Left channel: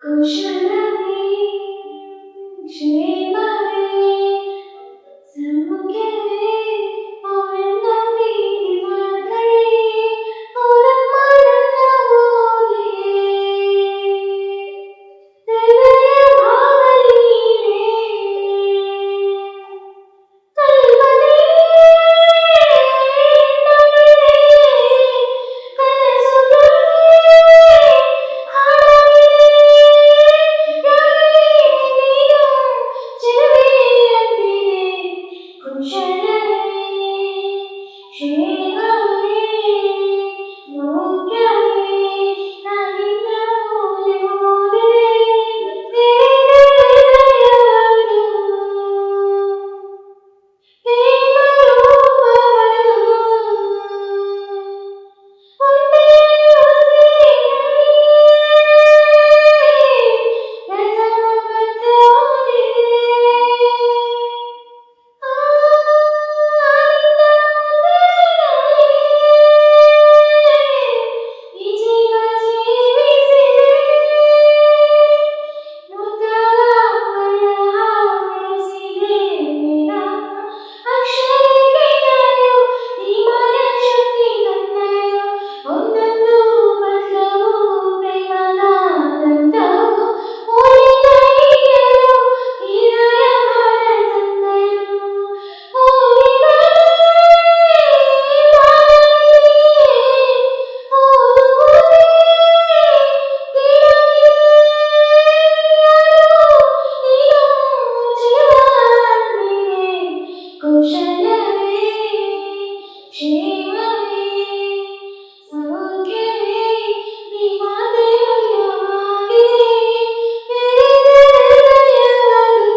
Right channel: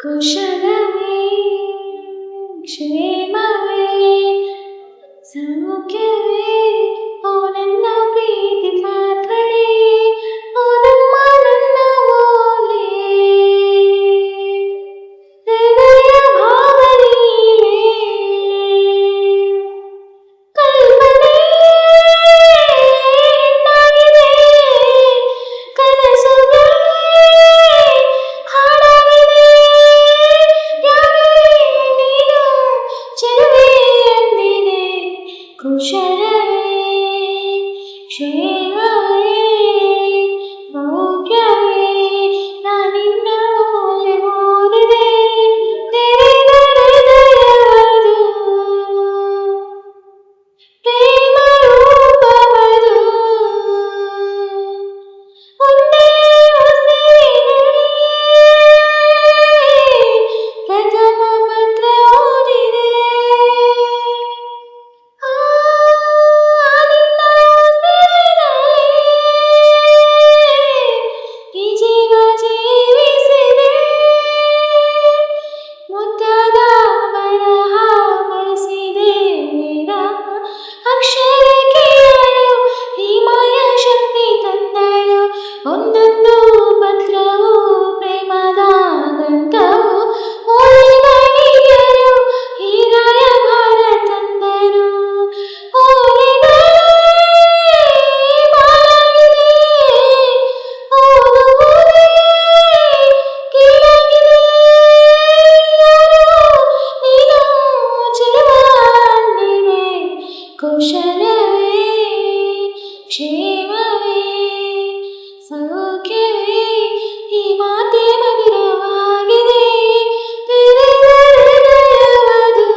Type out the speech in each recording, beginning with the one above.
ಕುಶಲವೇ ಕ್ಷೇಮವೇ ಸೌಖ್ಯವೇ ಓ ನನ್ನ ಪ್ರೀತಿ ಪಾತ್ರನೇ ಓ ನಮ್ಮ ನನ್ನ ಓಲೆ ಹೃದಯ ಭಾವನೀನೇ ಕಲ್ಪನೆ ಎಂದಾಗಿದೆ ಕನಸುಗಳೇ ಹಾಡಾಗಿದೆ ಯಾರೇ ನೀನು ಚೆಲುವೆ ಎಂದಿದೆ ಕುಶಲವೇ ಕ್ಷೇಮವೇ ಸೌಖ್ಯವೇ ನಾನಿನ್ನ ಓದಿದೆ ಹೃದಯವದು ಪ್ರೇಮ ರೂಪವದು ಒಂದೇ ಉಸಿರಿನಲ್ಲಿ ಪ್ರಥಮ ಪತ್ರ ಓದಿದೆ ನಿನ್ನ ಉಸಿರಿನಲ್ಲಿ ಈ ಜೀವ ಜೀವಿಸಿದೆ ಮುದ್ದಾದ ಬರಹ ಬಳಸಿದೆ ವೇದ ಅಕ್ಷರಕ್ಕೆಯರು ಈ ಮಾಯಾ ಶಕ್ತಿ ತಂದರು ಒಂದೊಂದು ಪತ್ರವು ಪ್ರೇಮದ ದಂತವು ಓದಿದ ಹಿರಿಯರು ಈ ರಾಯಭಾರ ತಂದರು ಓದಿದರೆ ಬಾಳವಿದೆ ಓದುವುದೇ ಕೀಳಾಗಿದೆ ನೀನು ಚೆಲುವಾಗಿದೆ ಕುಶಲವೇ ಕ್ಷೇಮವೇ ಸೌಖ್ಯವೇ ಈ ಮಾತೆ ಮಧುರವಾಗಿದೆ ಹೃದಯವದು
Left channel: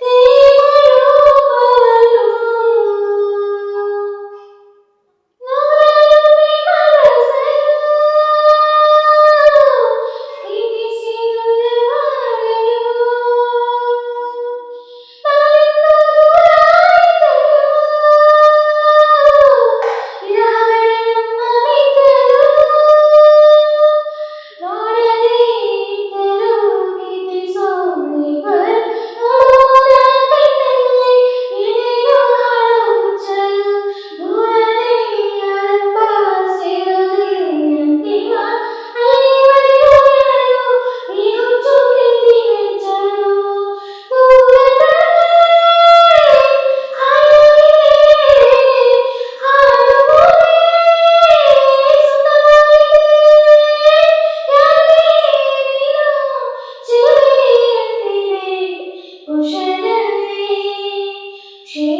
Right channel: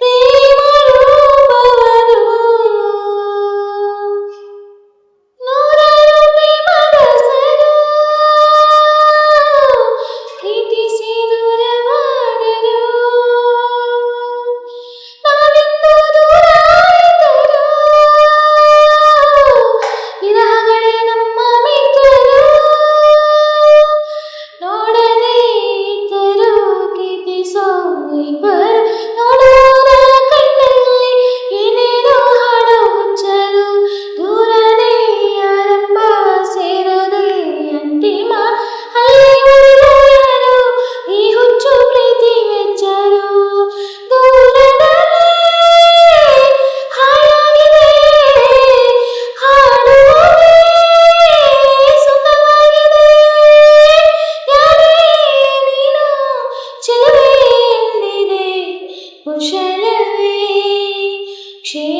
ಪ್ರೇಮ ರೂಪವದು ನೂರಾರು ಪ್ರೇಮರಸರು ಪ್ರೀತಿಸಿ ದೂರವಾದರು ನಾನಿಂದು ದೂರಾಯಿತರು ವಿರಹಗಳೇ ನಮ್ಮ ಮಿತ್ರರು ನೋಡದೇ ಇದ್ದರು ಗೀತಿಸೋ ಇಬ್ಬರು ನೋಡುವುದ ಕಣ್ಣಲ್ಲಿ ಏನೇನೋ ಹಾಡೋ ಹುಚ್ಚರು ದೂರದೇ ಆರಂಭ ಸೇರದೆ ಅಂತಿಮ ಅಲ್ಲಿ ಉಳಿದವರು ಈ ಹುಚ್ಚು ಪ್ರೀತಿ ಮೆಚ್ಚರು ದೂರದಲ್ಲಿ ಹಾಡಾಗಿದೆ ಹಾಡುವುದೇ ಸುಖವಾಗಿದೆ ಯಾರೇ ನೀನು ಚೆಲುವೆ ಎಂದಿದೆ ಕುಶಲವೇ ಕ್ಷೇಮವೇ